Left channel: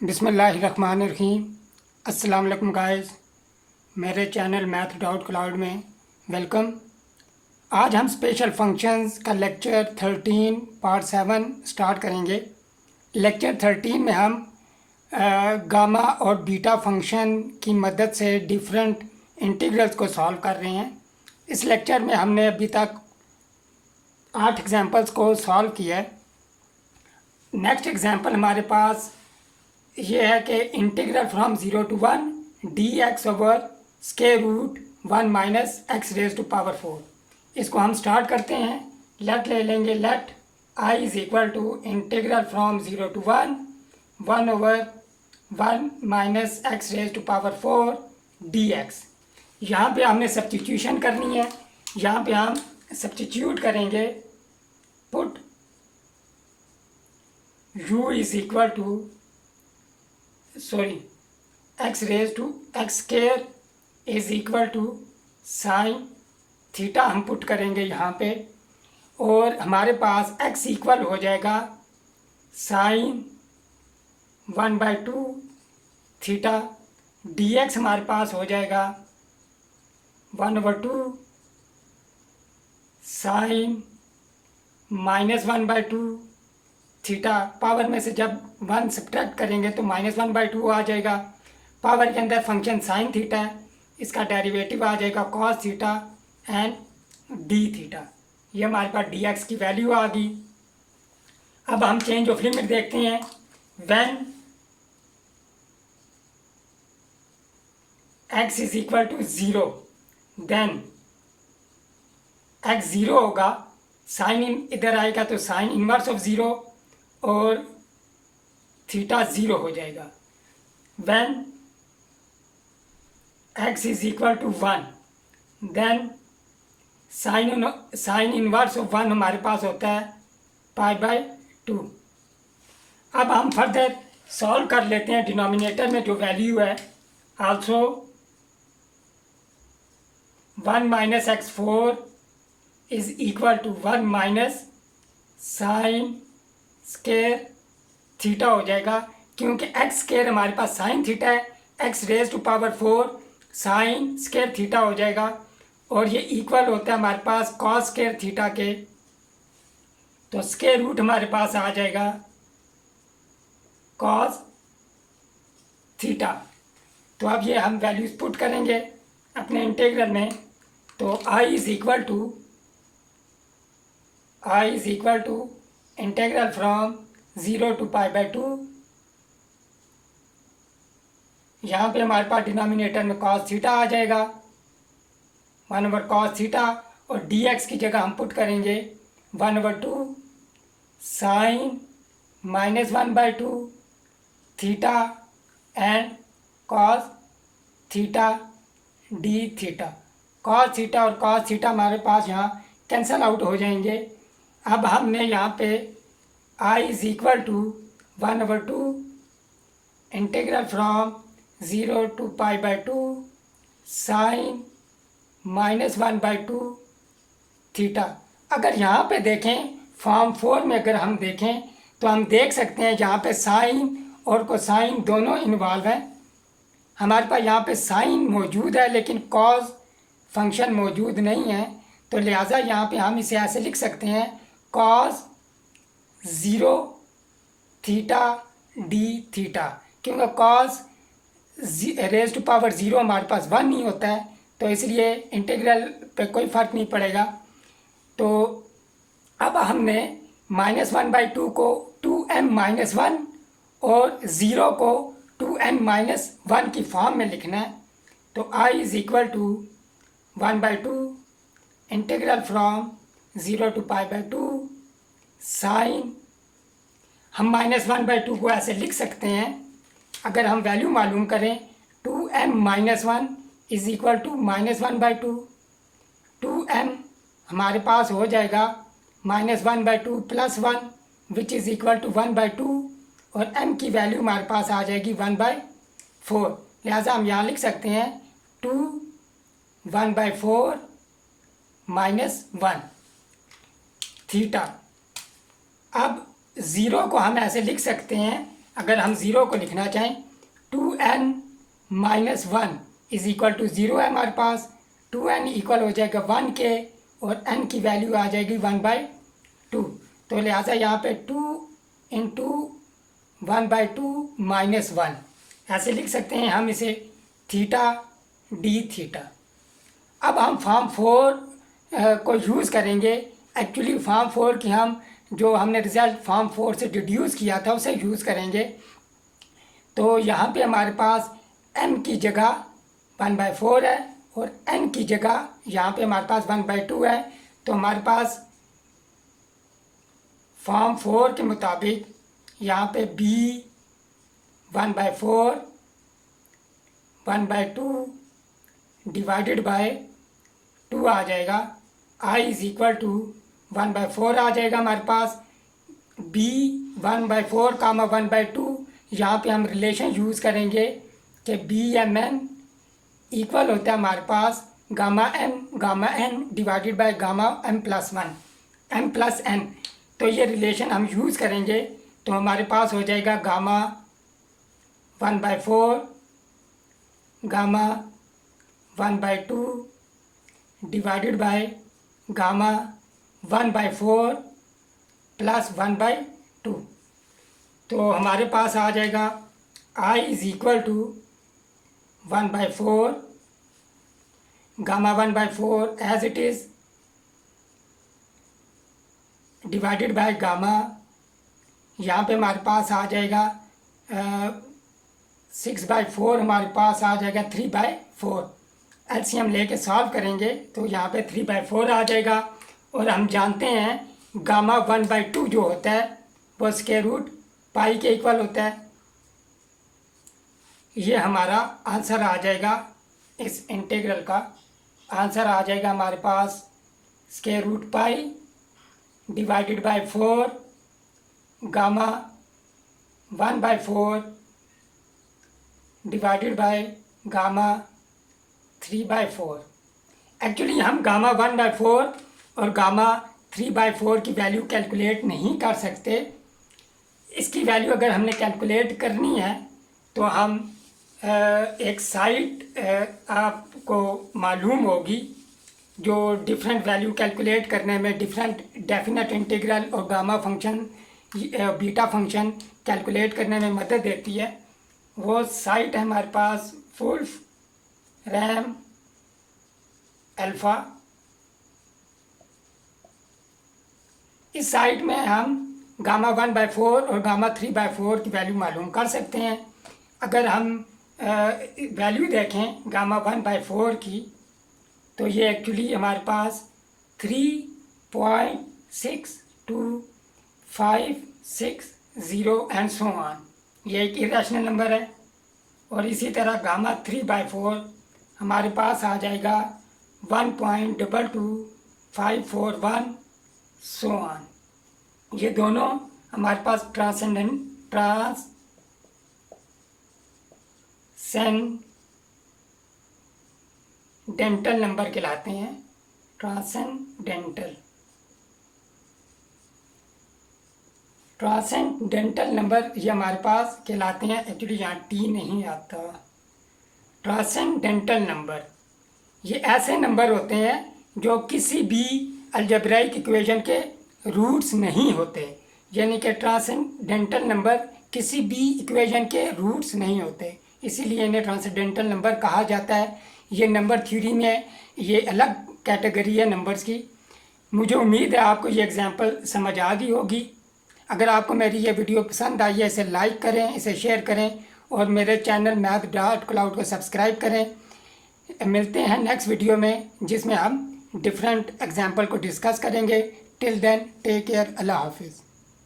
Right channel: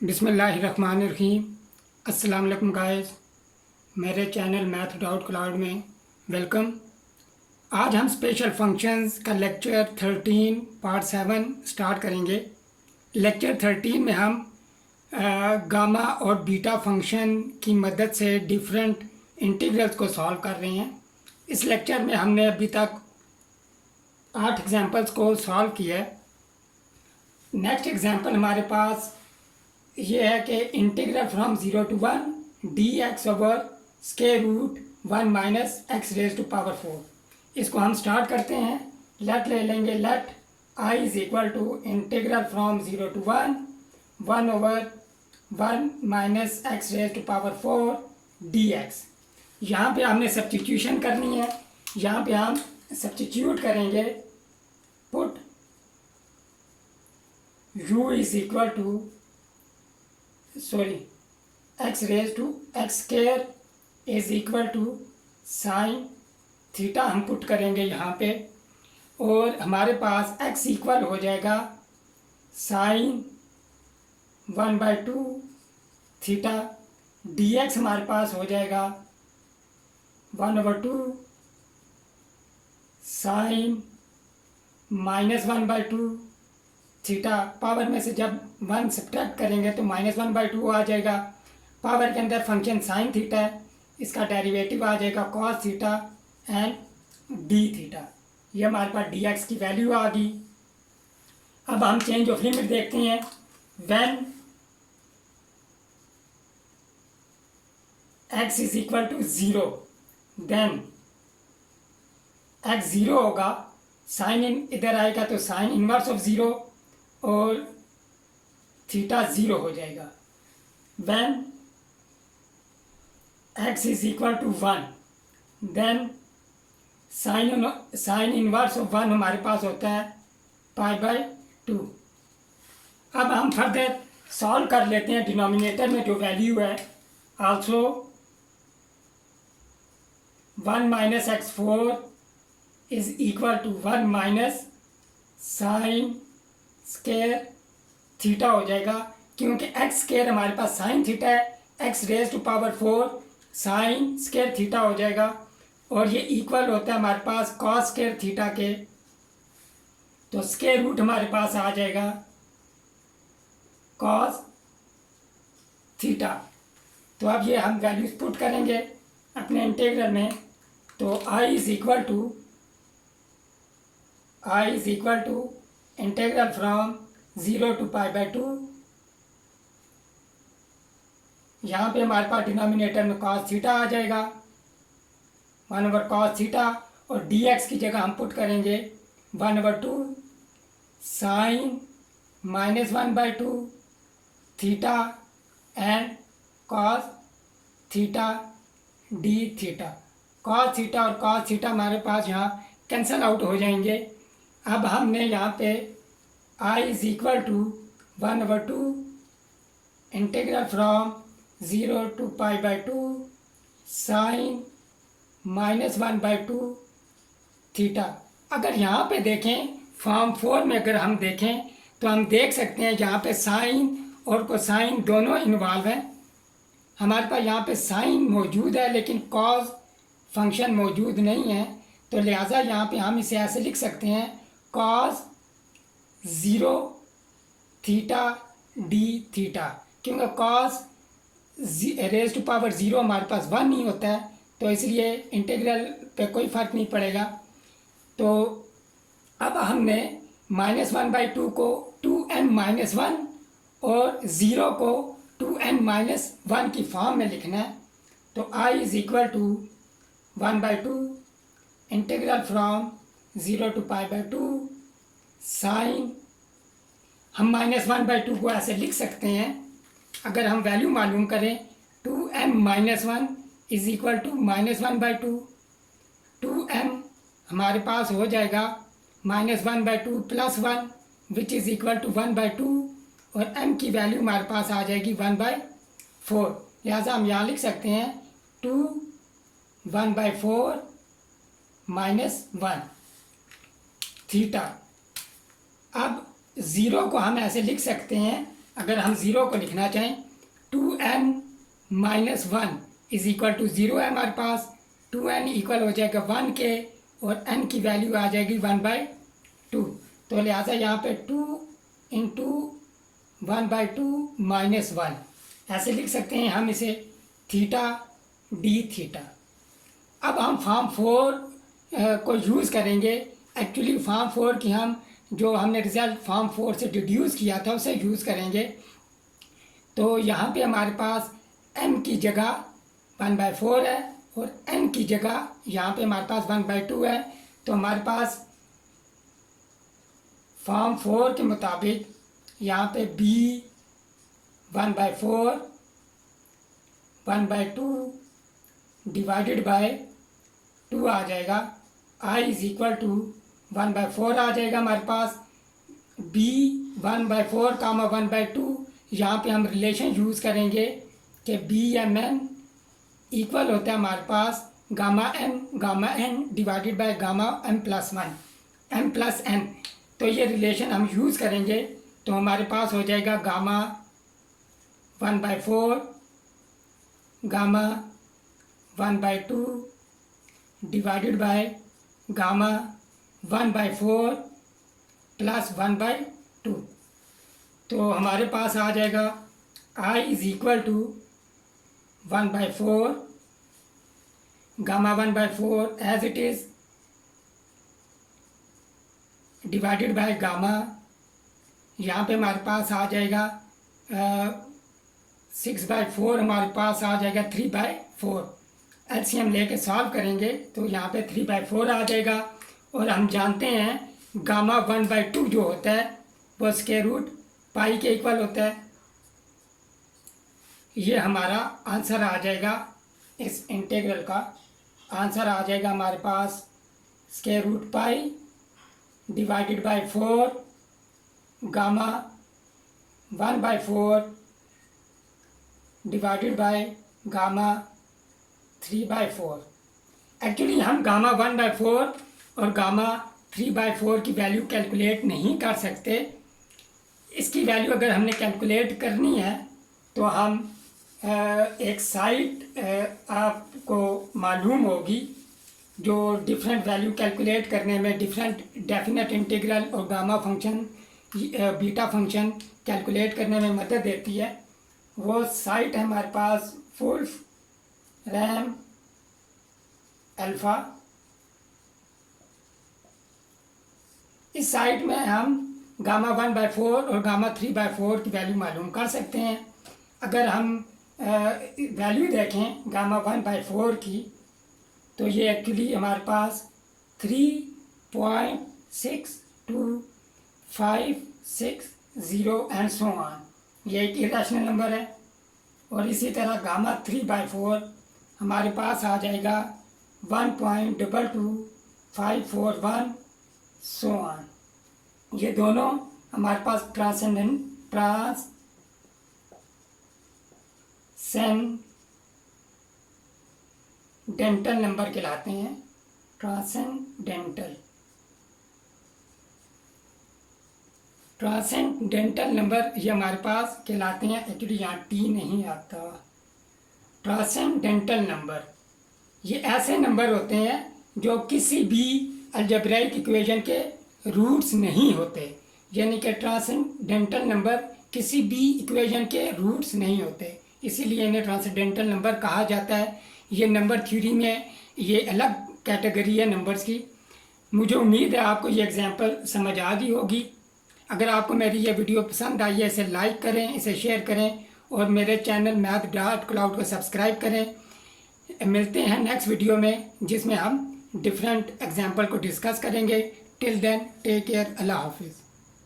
बिस्मिल्लाहिर्रहमानिर्रहीम। अस्सलाम वालेकुम गाइस, मेरे चैनल मैथ डाउट क्लाउड में वेलकम। आज हम स्पेशल फंक्शंस का लेक्चर 13 पार्ट 7 स्टार्ट करेंगे। लेक्चर 13 में हम गामा और बीटा फंक्शन की मदद से डिफरेंट इंटीग्रल्स को सॉल्व कर रहे हैं। इस लेक्चर में हमने अभी तक 8 एग्जांपल्स को सॉल्व किया है। नेक्स्ट एग्जांपल हमारे पास ये है कि integral from 0 to 1 dx over square root 1 minus x raise to power 4। इसको हम स्टार्ट करते हैं। लेट ले लेंगे। Let I is equal to integral from 0 to 1 over 1 minus x raise to power 4 dx। यहाँ पे हमने सब्स्टिट्यूशन करनी है। यहाँ पे हम सब्स्टिट्यूट करेंगे। Put u is equal to x raise to x square is equal to sine theta हम पुट करेंगे यहाँ पे, और हमारे पास x इक्वल हो जाएगा साइन 1/2 थीटा। dx हमारे पास हो जाएगा 1/2 साइन -1/2 थीटा। पावर में से जब 1 सब्ट्रैक्ट करेंगे तो -1/2 आ जाएगा। पावर के अंदर फंक्शन साइन थीटा है, इसका डेरिवेटिव आ जाएगा cos theta and D theta. ये हमारे पास dx की वैल्यू आ गई। अब हम चेंज ऑफ लिमिट देखते हैं। When x is equal to 0 then x 0 होगा, साइन इधर आएगा तो साइन इनवर्स ऑफ 0 और थीटा 0 हो जाएगा। When x is equal to 1 then sine inverse of 1 हमारे पास होता है π/2। अब हम फर्दर सॉल्व कर लेते हैं। डिनोमिनेटर में जो वैल्यू है also 1 minus x4 is equal to 1 minus sine square theta हो जाएगा, क्योंकि एक्स स्क्वायर हमारे पास साइन थीटा है। X raise to power 4 sine square theta हो जाएगा, और ये इक्वल होता है हमारे पास कॉस स्क्वायर थीटा के। तो स्क्वायर रूट हमारे पास आ जाएगा कॉस थीटा। तो अब ये हम वैल्यूज पुट करेंगे अपने इंटीग्रल में। तो I is equal to integral from 0 to π/2। यहाँ पे हमारे पास डिनोमिनेटर में cos थीटा आ जाएगा 1/cos थीटा, और dx की जगह हम पुट करेंगे 1/2 sine -1/2 theta and cos theta d थीटा। cos थीटा और cos थीटा हमारे पास यहाँ कैंसल आउट हो जाएंगे। अब हमने यहाँ पे I is equal to 1/2 integral from 0 to π/2 sine -1/2 theta. अगर यहाँ पे देखें फॉर्म 4 में अगर हम देखें तो हम देख सकते हैं यहाँ पे साइन और कोसाइन दोनों इन्वॉल्व हैं। हमारे पास यहाँ पे साइन मौजूद है लेकिन कॉस फंक्शन मौजूद नहीं है, तो लिहाजा यहाँ पे हम इसे ऐसे लिख सकते हैं कॉस 0 थीटा डी थीटा, क्योंकि कॉस रेज टू पावर 0 हमारे पास 1 नहीं होता है, तो इसलिए इंटीग्रल पे कोई फ़र्क नहीं पड़ेगा। तो अब हमने -1/2 को 2m-1 और 0 को 2n-1 की फॉर्म में लिखना है। तो I is equal to 1/2 integral from 0 to π/2 sine, हम -1/2 को ऐसे लिख सकते हैं। अगर हम वैल्यू मालूम करें 2m-1 is equal to -1/2, 2m हमारे पास हो जाएगा -1/2 + 1 विच इज़ इक्वल टू 1/2, और m की वैल्यू हमारे पास आ जाएगी 1/4। लिहाजा हम यहाँ लिख सकते हैं 2 1/4 -1 थीटा। अब 0 को हम ऐसे लिख सकते हैं, अगर हम ज़ीरो को लिखना चाहें 2n minus 1 is equal to 0 है हमारे पास। 2n इक्वल हो जाएगा 1 के और n की वैल्यू आ जाएगी 1/2। तो लिहाजा यहाँ पे 2 इंटू 1/2 माइनस 1 ऐसे लिख सकते हैं हम इसे थीटा डी थीटा। अब हम फॉर्म 4 को यूज़ करेंगे। एक्चुअली फॉर्म 4 की हम जो हमने रिजल्ट फॉर्म 4 से डिड्यूस किया था उसे यूज़ करेंगे। तो यहाँ पे हमारे पास m की जगह 1/4 है और n की जगह यहाँ पे हमारे पास 1/2 है। तो हमारे पास फॉर्म 4 के मुताबिक यहाँ पे b 1/4 1/2 डिवाइडेड बाय 2 आ जाएगा। i इज इक्वल टू 1/4 आ जाएगा हमारे पास। b 1/4 कामा 1/2 यहाँ पे हम रिलेशन यूज़ करेंगे कि BMN इक्वल होता है हमारे पास gamma n divided by gamma m+1 तो ये रिलेशन हम यूज़ करेंगे। तो हमारे पास हो जाएगा gamma 1/4 gamma 1/2 divided by gamma 1/4 plus 1/2। तो हमारे पास आ जाएगा i is equal to 1/4 gamma 1/4 as it is divided by gamma. यहाँ पे हमारे पास आ जाएगा 6/4 हमारे पास आ जाएगा 3/4। एलसीएम लेके सॉल्व करेंगे तो यहाँ पे 3/4 आ जाएगा। और हम जानते हैं गामा 1/2 जो होता है वो स्क्वायर रूट पाई के इक्वल होता है। ये हमारा आंसर आ जाएगा। इस इंटीग्रल का आंसर आ जाएगा हमारे पास square root pi divided by 4 gamma 1/4 divided by gamma 3/4। Actually हम गामा 1/4 और गामा 3/4 की वैल्यू कैलकुलेट नहीं कर सकते। इसकी वैल्यू अगर हमने कैलकुलेट करनी है तो हम एक साइट आपको मालूम होगी जो डिफरेंट वैल्यू कैलकुलेट करने में डिफरेंट डेफिनेट इंटीग्रल और gamma function beta function calculate करने में मदद देती है। वो साइट है हमारे पास वुल्फ रैम अल्फ़ा। इस साइट में हम गामा 1/4 और गामा 3/4 की वैल्यू मालूम कर सकते हैं। अगर हम वैल्यू देखें गामा 1/4 की तो ये एक्चुअली हमारे पास 3.6256 एंड सो ऑन, ये एक इरेशनल नंबर है। और इसी तरह गामा 3/4 हमारे पास आ जाएगा 1.22541 सो ऑन। ये दोनों हमारे पास ट्रांसेंडेंटल नंबर कहलाते हैं। ट्रांसेंडेंटल नंबर ये हमारे पास कहलाते हैं। एक्चुअली यहाँ टी नहीं आता। ट्रांसेंडेंटल नंबर ये ऐसे नंबर होते हैं जो किसी भी अलजेब्राइक इक्वेशन के रूट्स नहीं होते। यानी कि ट्रांसेंडेंटल नंबर किसी भी इक्वेशन के रूट्स नहीं होते, इसीलिए इन्हें ट्रांसेंडेंटल नंबर कहा जाता है। ये नंबर थ्योरी में ये अलग कैटेगरी है नंबर्स की। मुझे उम्मीद है आपको ये एग्जांपल समझ आ गई होगी। अगर आपको मेरी ये वीडियो पसंद आई है इसे लाइक करें, इसे शेयर करें और मेरे चैनल math.cloud को सब्सक्राइब करें। मिलते हैं नेक्स्ट वीडियो में जिसमें हम डिफरेंट एग्जाम्पल को डिस्कस करेंगे। टिल देन टेक केयर, अल्लाह हाफिज़।